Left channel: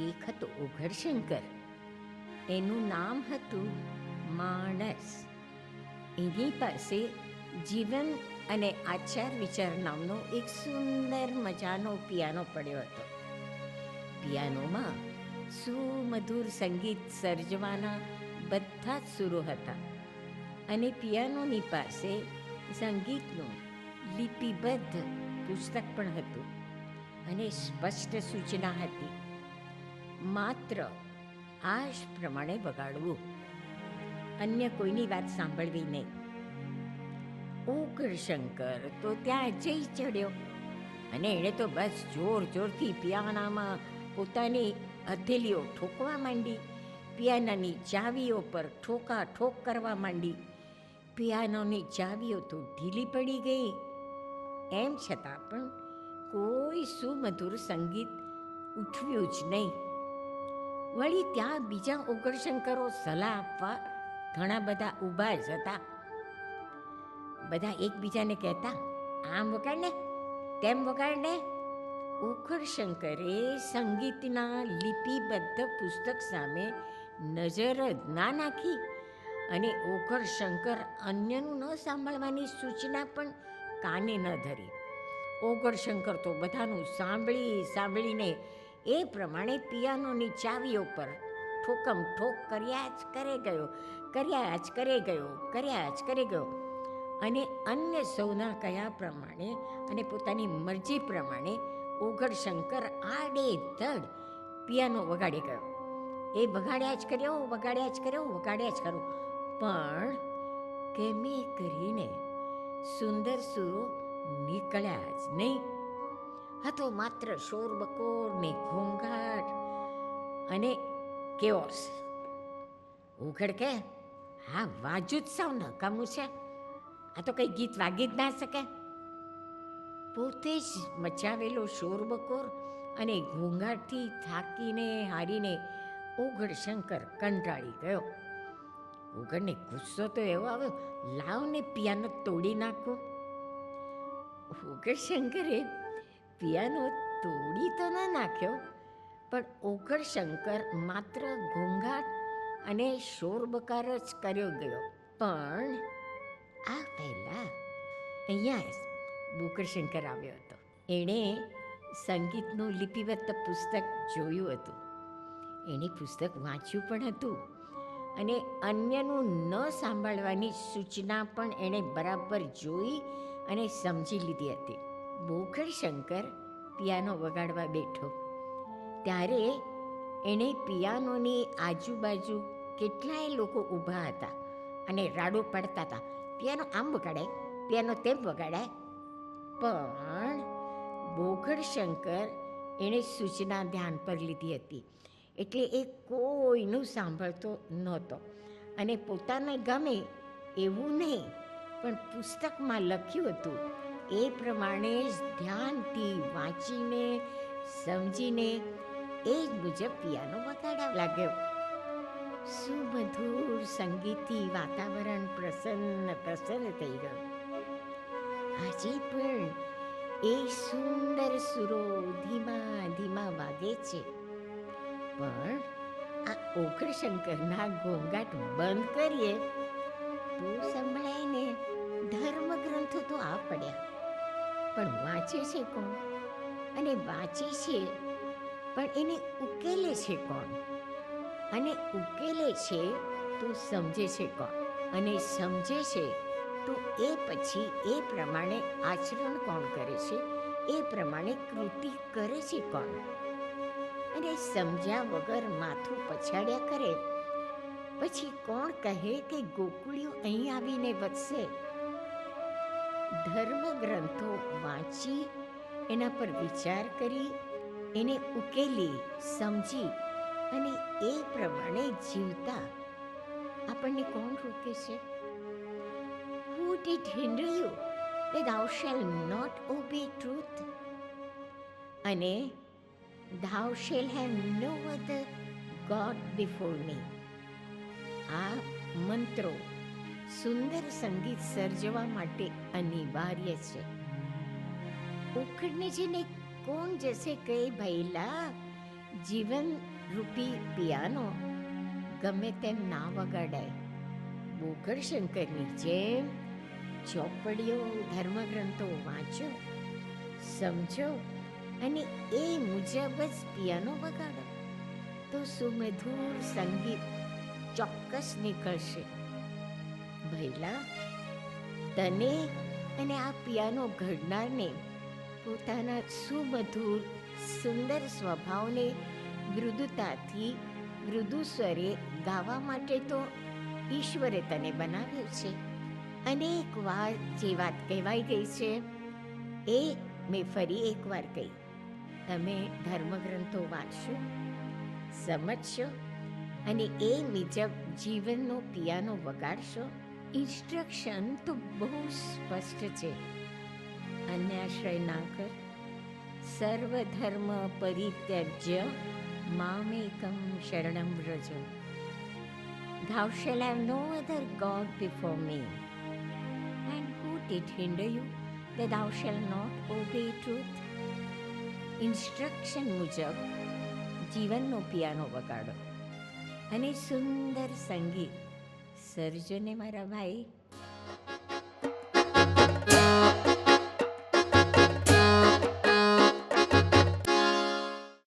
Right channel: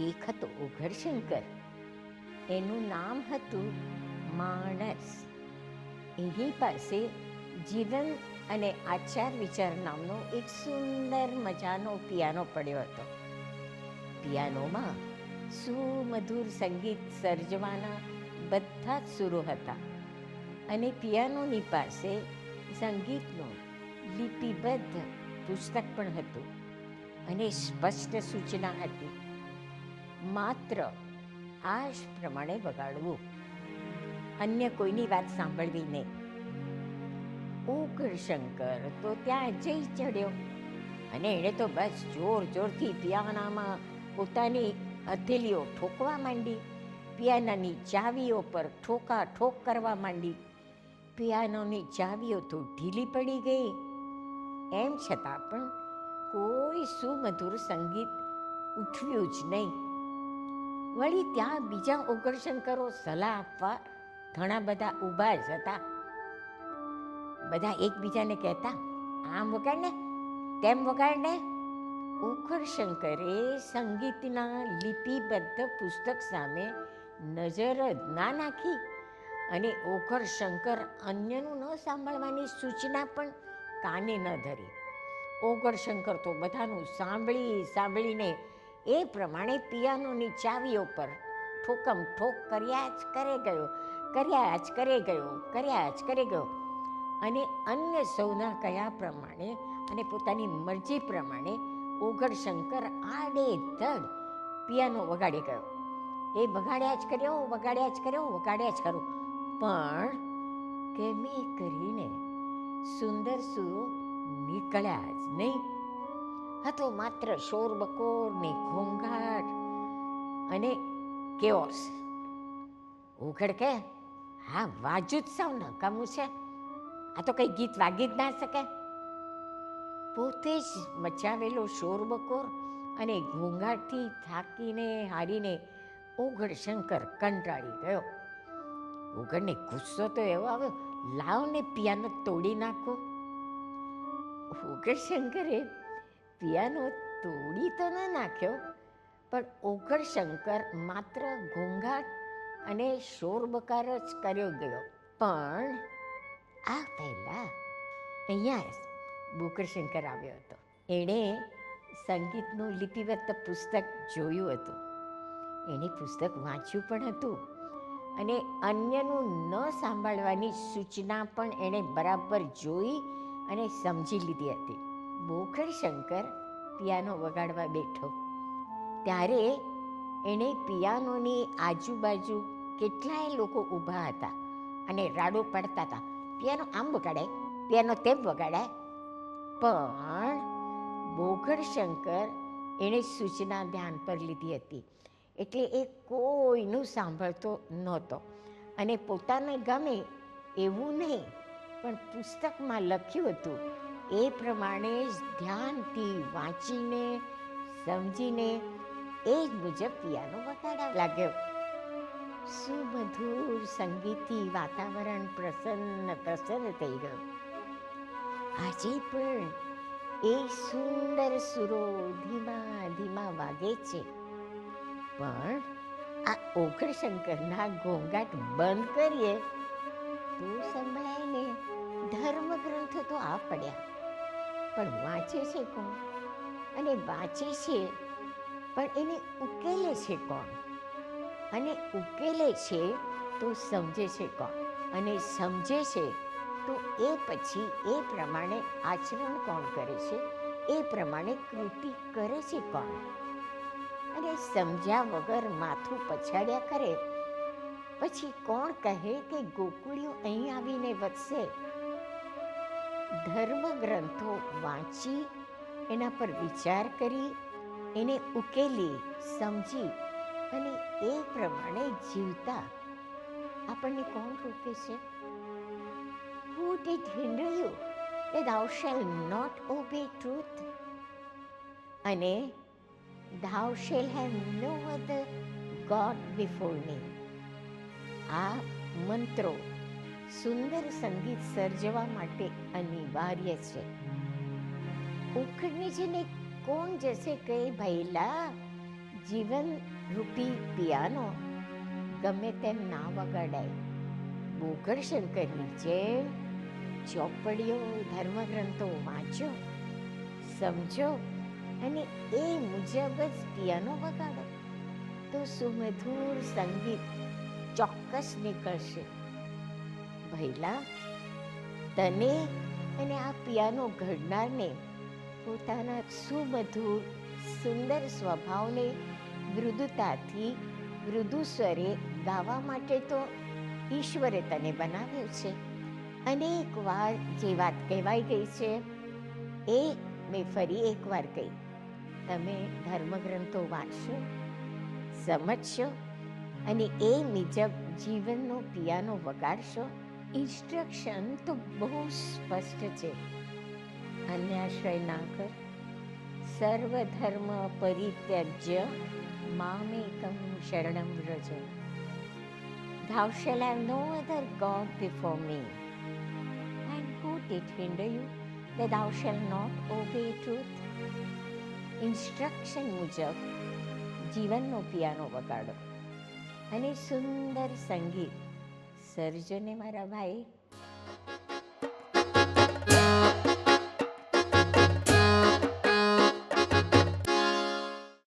એક હતો ઉઘડશંકર. એનું નામ હતું માણસ. એની પાસે જીવન અને આચાર વિચાર નામનો એક સુંદર મજાનો પિયાનો પડ્યો હતો. પિયાનોમાં સુમધુર સંગીત સર્જવાના બધા જ સુરો હતા અને પિયાનોની પાસે સંગીતનું લિપિબદ્ધ પુસ્તક પણ હતું અને સ્પષ્ટ સૂચના હતી. માત્ર આ જ પ્રમાણે વગાડવું, અન્ય કોઈની વાત સાંભળવી નહીં. ઉઘડશંકર તો ત્યાં જઈ ચડ્યો અને એણે તો બસ જોર જોરથી પિયાનામાં પોતાની હથેલીઓ ઠોકવા માંડી. પિયાનાની ચાવીઓ પર ઠોકા ઠોક કરવા માંડી. પિયાનોની ચાવીઓ તો ઢીલી પડી ગઈ. એમ છતાં પણ કોઈ સુમધુર સંગીત ઉઠવ્યું જ નહીં. વળી ત્યાં બીજા ઉઘડશંકરો સલાહ આપવા ઘણા બધા ઊભા જ હતા. બધા એકબીજાને કહેતા, આમ વગાડને, તેમ વગાડને. ઉઘડશંકરે સંગીતના લિપિબદ્ધ પુસ્તક સામે નજર જ ના નાખી અને ઉઘડશંકર અન્યનું ન સાંભળવાની સૂચના પણ કાને ન ધરી. ઉઘડશંકર તો બધાનું સાંભળીને એ પ્રમાણે પિયાનોની ચાવીઓ પર ઠોકમ ઠોક કર્યા જ કરે ગયો અને અન્ય સૌના કયા પ્રમાણે અને પોતાની મરજી પ્રમાણે ઉઘડશંકર આડેધડ પિયાનો વગાડી ગયો. એ વગાડ્યા જ કર્યો. પણ કેમે કરીને સુંદર સુરો નીકળ્યા જ નહીં. હતો માત્ર શોરબકોર ને ઘોંઘાટ અને કેઓસ. ઉઘડ કે, હા વાજુ જ સાવ નકામું છે, આ તો કઈ ગીત વાગી જ ના શકે. પોતે જ મચાવેલો શોરબકોર અને ઘોંઘાટથી થાકીને હારીને ઉઘડશંકર કંટાળી ગયો. ઉઘડને ગુસ્સો તો એવો આવ્યો, લાવ ને પિયાનો તોડી નાખો. ઉઘડશંકરે પિયાનો તોડી તો ન નાખ્યો, પણ ઉઘડશંકર માત્ર ઘોંઘાટ અને શોરબકાર જ કર્યો ગયો. પણ આ પહેલા અહીંયા ઉઘડશંકર આવ્યો હતો. એણે સંગીતનું લિપિબદ્ધ પુસ્તક જોયું હતું. એણે પુસ્તક વાંચ્યું પણ હતું અને અન્યનું ન સાંભળવાની સૂચના પણ એણે બરાબર જોઈ અને સમજી લીધી હતી. ઉઘડશંકર પિયાનો વગાડવા બેઠો ત્યારે એણે પિયાનોની આજુબાજુ કેટલાય લોકો ઊભા હતા અને રાડો પાડતા હતા, પિયાનો આમ વગાડાય, પિયાનો તેમ વગાડાય. પણ ઉઘડશંકર એણે સૂચના ધ્યાન પર લીધી હતી એટલે એ કોઈનું સાંભળતો નહોતો અને પોતાને ગમે એવું નહીં, પણ પુસ્તકમાં લખ્યું હતું એ પ્રમાણે જ ધ્યાનથી વાંચીને સમજીને એ જ મુજબ પિયાનો વગાડવા લાગ્યો. સુમધુર સંગીતથી વાતાવરણ પ્રસન્ન થઈ ગયું. આજે પણ એ સુંદર સુરો ધીમા વાગે છે, પણ આ ઉઘડશંકરના ઘોંઘાટ બંધ કરીએ તો સંભળાય ને. ધર્મગ્રંથો તો આ પડ્યા, પણ વાંચે છે કોણ? અને વાંચે છે પણ એને ઉકેલે છે કોણ? અને ઉકેલે છે તો સમજે છે કોણ? અને સમજે છે તો એ પછી એ પ્રમાણે આચરણ કોણ કરે છે? એ પ્રમાણે કૃતિ કરે છે કોણ? અને સમજ્યા વગર માથું પછાડ્યા કરે પછી કોણ કહે કે ગોકુળિયું અહીં આવીને વસશે? ધર્મગ્રંથો વાંચી એના પર વિચાર કરી એને ઉકેલી સમજી અને એ પ્રમાણે જીવતા આપણને કોણ રોકે છે? Who did hinder you that thou shalt not obey truth? અને thou shalt have no other God before me. આ મંત્રો સુંદર સંગીત સર્જવા માટે અનિવાર્ય છે. ઉખડને જેને કોણ જશે કહે ભૈલા, જીવન રૂપી પિયાનો ગમે તેમ ના વગાડાય. બોકરશંકરની જેમ ચોપડીઓ, ધર્મગ્રંથો વાંચો, સમજો અને એ મુજબ જ પિયાનો વગાડો તો સુમધુર સંગીત ચોક્કસ નીકળશે. ભઈલા, તને અને આ પિયાનો ઘડનારને પોતાના સુમધુર સુંદર સ્વભાવને મૃદુતાથી મૃદુ સ્વરે ગાવા માટે તો ઈશ્વરે તને બનાવ્યો છે. અનેક વાર જે વાત કહેવાઈ ગઈ છે એ મેં ફરી એકવાર કહી. તમે ધર્મગ્રંથો વાંચશો, સમજશો અને એ મુજબ જીવનનો પિયાનો વગાડશો. ઇન્સ્ટ્રક્શન તો બહુ સ્પષ્ટ છે. અન્યાશ્રય ના કર, સર્વધર્મ પરિત્યજ્ય મામેકમ શરણમ Vraj. Thou shalt have no other God before me. And who did hinder you that thou shalt not obey truth? Instruction મુજબ જીવનનો પિયાનો વગાડો અને સુંદર સંગીત સર્જને મારા ભાઈ.